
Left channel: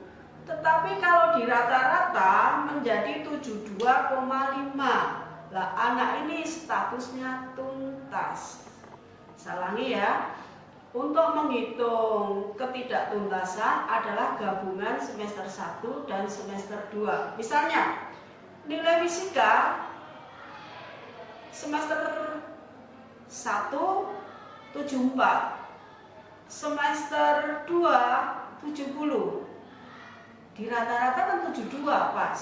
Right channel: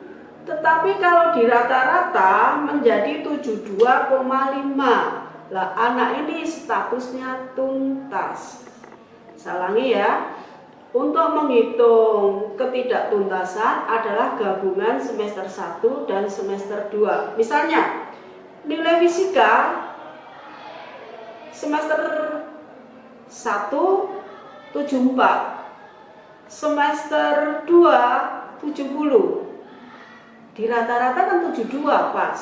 Tetapi kalau di rata-rata menjadi 72,5. Lah, anak ini statusnya tuntas. Salangi ya. Untuk menghitung ketidaktuntasan adalah gabungan semester 1 dan semester 2. Misalnya, nilai fisika semester 1 74, semester 2 70. Di rata-rata kan 72 pas.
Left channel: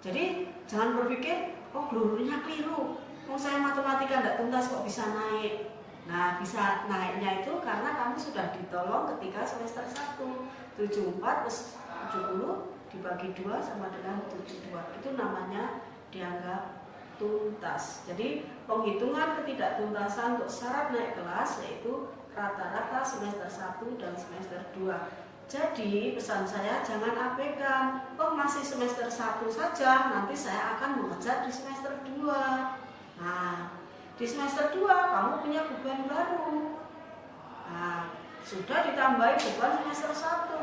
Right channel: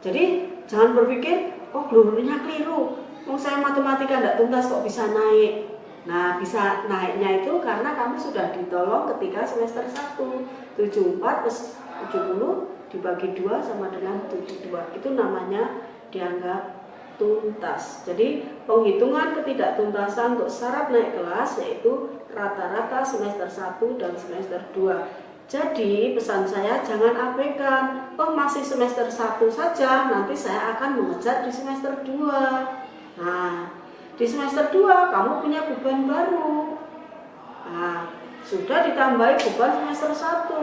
Jadi jangan berpikir, oh gurunya keliru, saya matematika tidak tuntas kok bisa naik. Nah, bisa naiknya itu karena kamu sudah ditolong ketika semester 1. 74 plus 70 dibagi 2 sama dengan 72. Itu namanya dianggap tuntas. Jadi penghitungan ketidaktuntasan untuk syarat naik kelas yaitu rata-rata semester 1 dan semester 2. Jadi pesan saya jangan abaikan, oh masih semester 1 saja, nanti saya akan mengejar di semester 2. Nah, di semester 2 kamu punya beban baru. Nah, sudah ditambahi beban semester 1.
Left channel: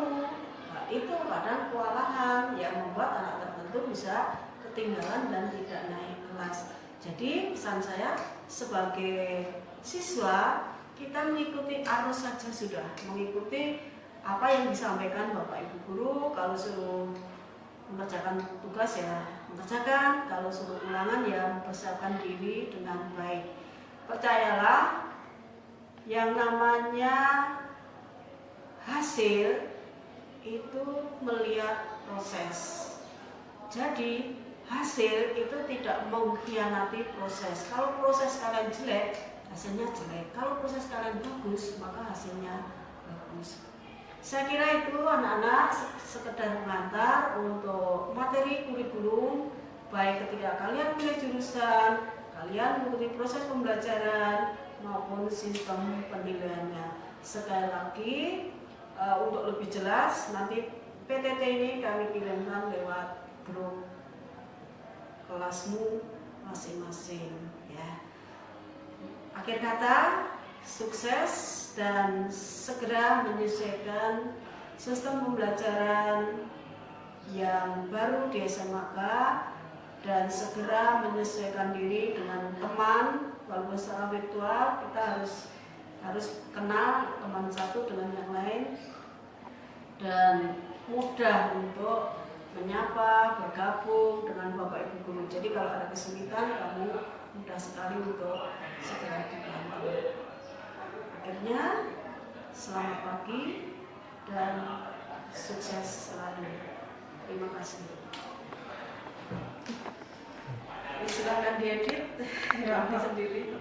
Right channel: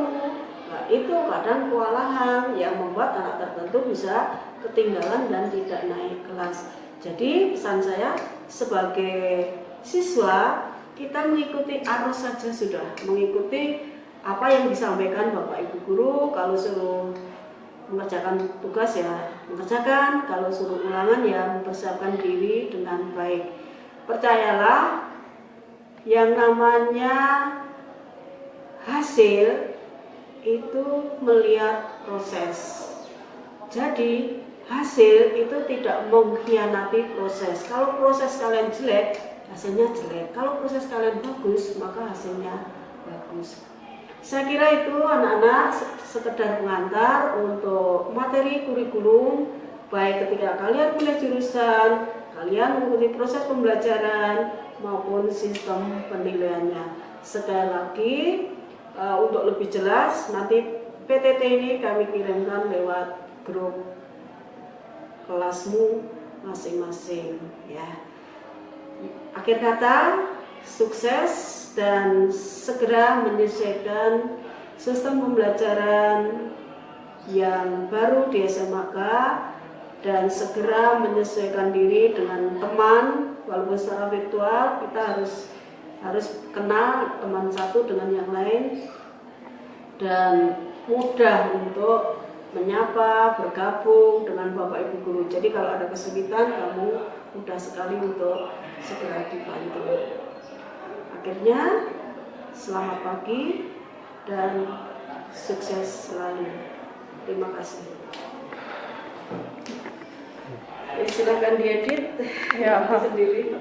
Nah, itu kadang kewalahan yang membuat anak tertentu bisa ketinggalan dan tidak naik kelas. Jadi pesan saya sebagai siswa, kita mengikuti arus saja sudah, mengikuti apa yang disampaikan Bapak Ibu Guru. Kalau suruh mengerjakan tugas ya mengerjakan, kalau suruh ulangan ya mempersiapkan diri dengan baik. Percayalah, yang namanya hasil itu melihat proses. Jadi hasil itu tidak mengkhianati proses. Kalau proses kalian jelek, hasilnya jelek. Kalau proses kalian bagus, maka hasilnya bagus. Saya kira itu anak-anak sekedar pengantar untuk materi kurikulum, baik ketika kalian pilih jurusan, kalian mengikuti proses pembelajaran maupun sistem penilaiannya. Sekali lagi, untuk lebih jelas nanti PTT ini kami kirimkan lewat grup kelasmu masing-masing ya. Akhir kata, sukses dan segera menyesuaikan sistem pembelajaran yang baru di SMAK dan segera menyesuaikan diri dengan teman. Walaupun secara virtual kita harus kenal teman satu dengan yang lain dan mudah untuk menyapa, bergabung dengan Bapak Ibu Guru. Jadi kalau ada kesulitan, kamu mudah sekali untuk segera dibantu. Akhirnya, selamat pagi dan sukses selalu. Terima kasih. Silakan diedit ya sendiri.